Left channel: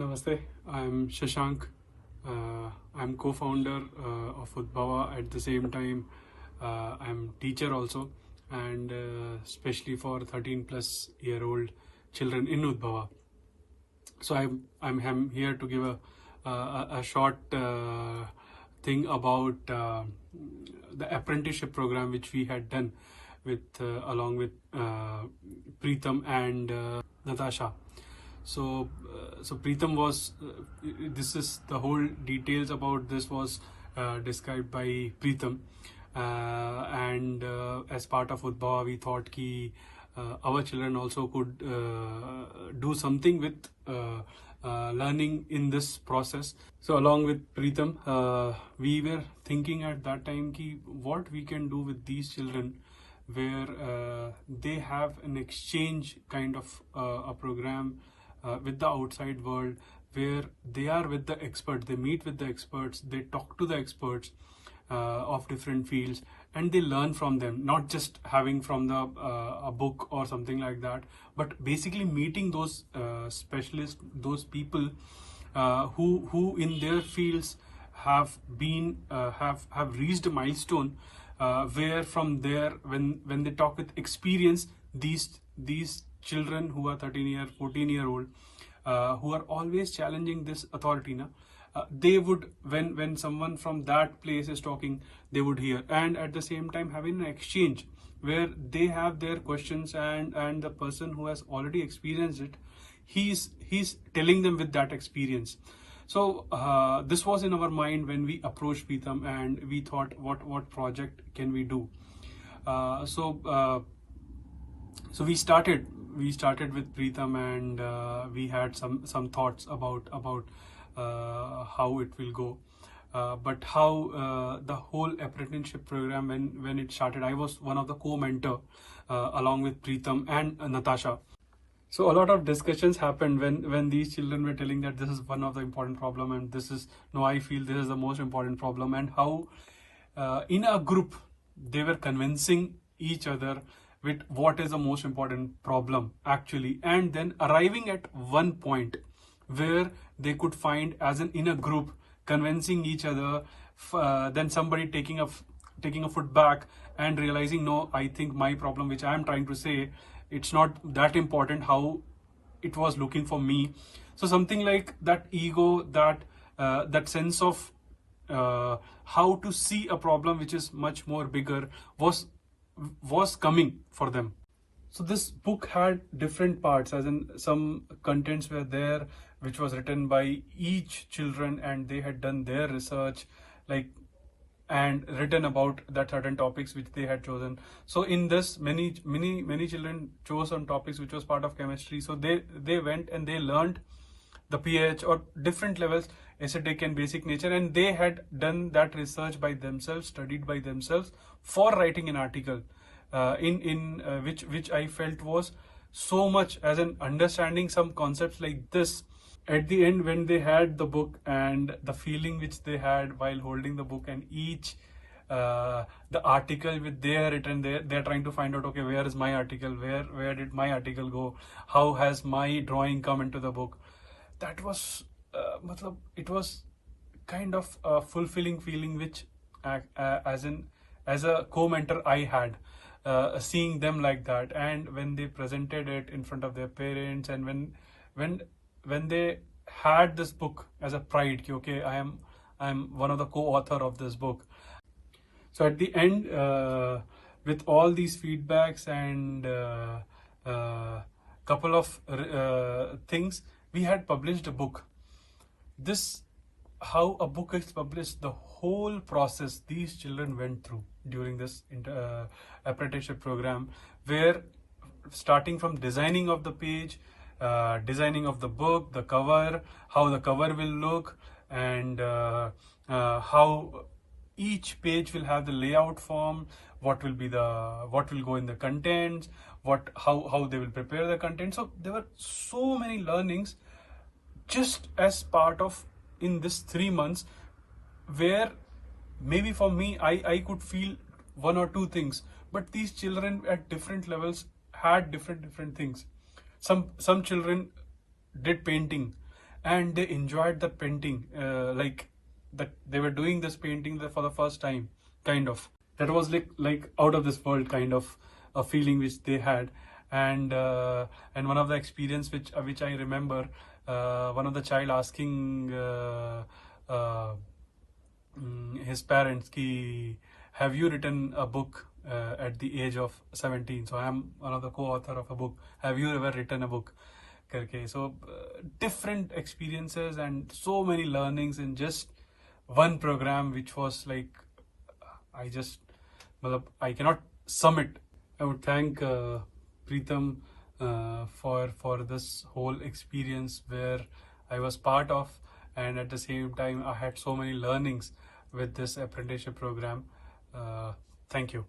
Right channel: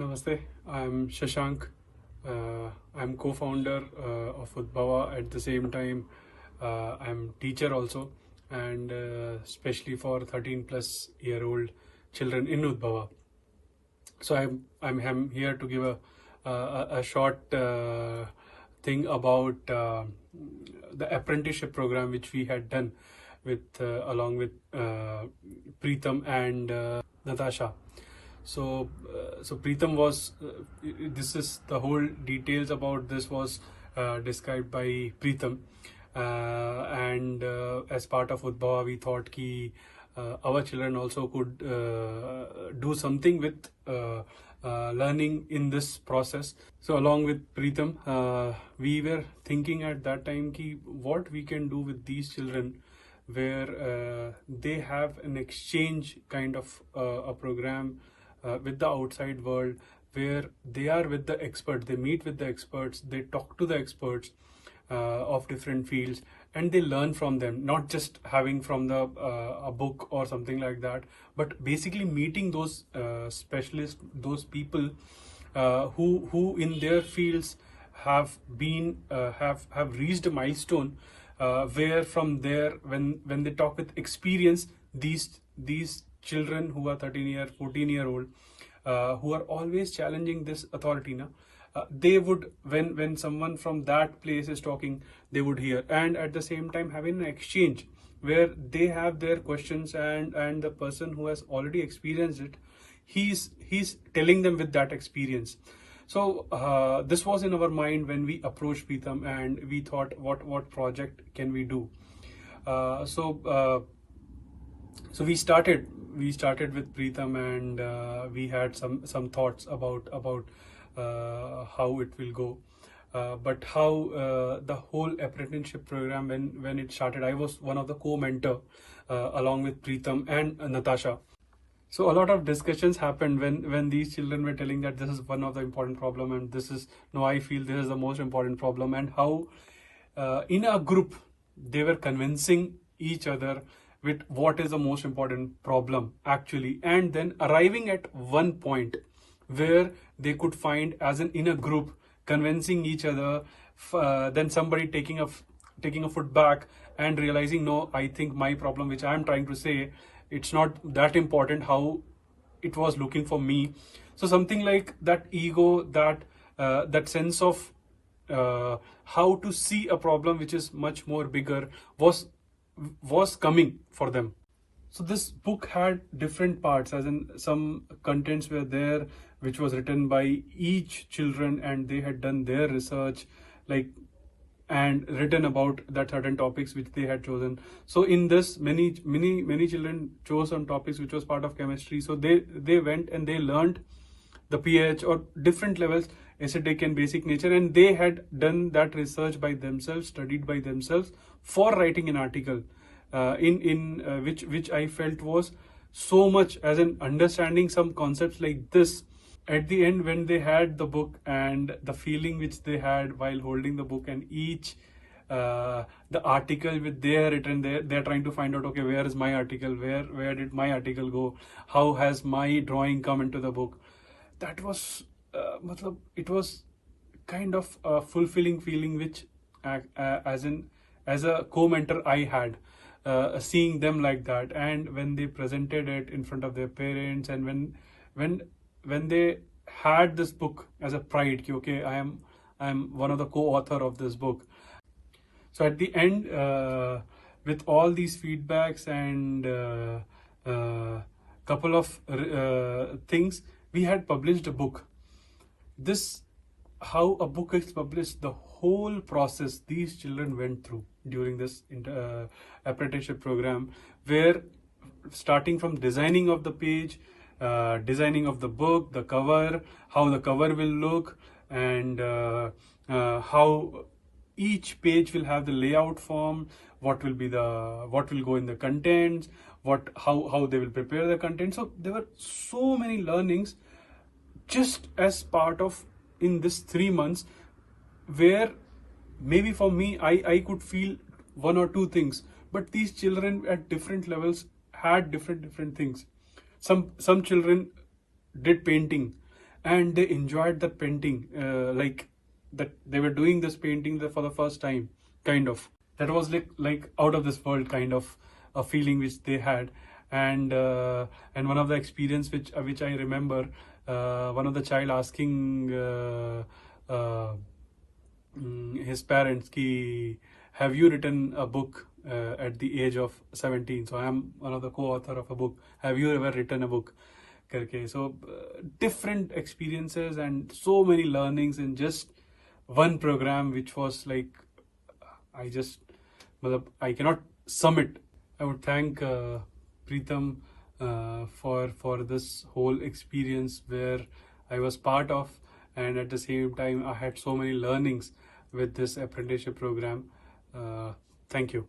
Namaste, I'm Shashank. I'm co-founder of Udbhava. At the same time, I'm teacher also, and especially for 13 plus year old children in Udbhava. So I'm here to give a short thing about the apprenticeship program which we had done with along with Preetham and Natasha. So Preetham was this is the whole details about this was described by Preetham, and as part of Udbhava we thought ki our children also could do something with learning in this process. So along with Preetham, we were thinking at that time ki what we can do with these children where they have an exchange kind of a program with the outside world, where they are with the experts, they meet with the experts, they talk to the experts of different fields, and they learn from them, not just having from the a book or something like that, but basically meeting those specialists, those people who in their fields have been have reached a milestone where from there when they talk with experience, these children who are 13-year 14-year-old who are always challenging this authority they would when someone from that place is talking, they would hear, and at the same time having an exchange where they have their questions, and the person who has already experienced it, he's telling them with that experience. So this was in our mind when we approached Preetham, and we thought what project can we do. So we started with Preetham, and we had some thoughts about how it will go. But how the whole apprenticeship program, when it started, I was one of the co-mentor along with Preetham and Natasha. So a lot of discussions happened when these children were telling that this is one of the important problem, and this is no, I feel this is the most important problem, and how in a group they were convincing each other with what is the most important problem actually, and then arriving at one point where they could find as an in a group convincing each other, then somebody taking a foot back and realizing, no, I think my problem which I am trying to say, it's not that important how it was looking for me. So something like that ego, that sense of how to see a problem which is much more bigger was coming for them. So this book had different parts, as in some contents were there which was written by each children, and they had done their research, like, and written about that certain topics which they had chosen. So in this, many children chose on topics which was part of chemistry. So they went and they learned the pH or different levels, acidic and basic nature, and they had done that research by themselves, studied by themselves for writing an article which I felt was so much as in understanding some concepts like this. At the end, when they had the book and the feeling which they had while holding the book, and each the article which they have written, they're trying to find out, okay, where is my article, where did my article go, how has my drawing come into the book. That was it was kind of a fulfilling feeling which as a co-mentor I had, seeing them like that, and when they presented it in front of their parents, and when they had this book as a pride, okay, I am one of the co-author of this book. So at the end, with all these feedbacks and couple of things, we had published a book. This, how a book is published, the whole process these children went through during this apprenticeship program, where starting from designing of the page, designing of the book, the cover, how the cover will look, and how each page will have the layout form, what will go in the contents, how they will prepare the content. So there were so many learnings just as part of in this 3 months, where maybe for me I could feel one or two things, but these children at different levels had different things. Some children did painting, and they enjoyed the painting, like that they were doing this painting for the first time, kind of. That was like out of this world kind of a feeling which they had. And one of the experience which I remember, one of the child asking his parents ki, have you written a book at the age of 17? So I am one of the co-author of a book. Have you ever written a book? Okay, so different experiences and so many learnings in just one program, which was like, I just, I cannot sum it. I would thank Preetham for this whole experience where I was part of, and at the same time I had so many learnings with this apprenticeship program. Thank you.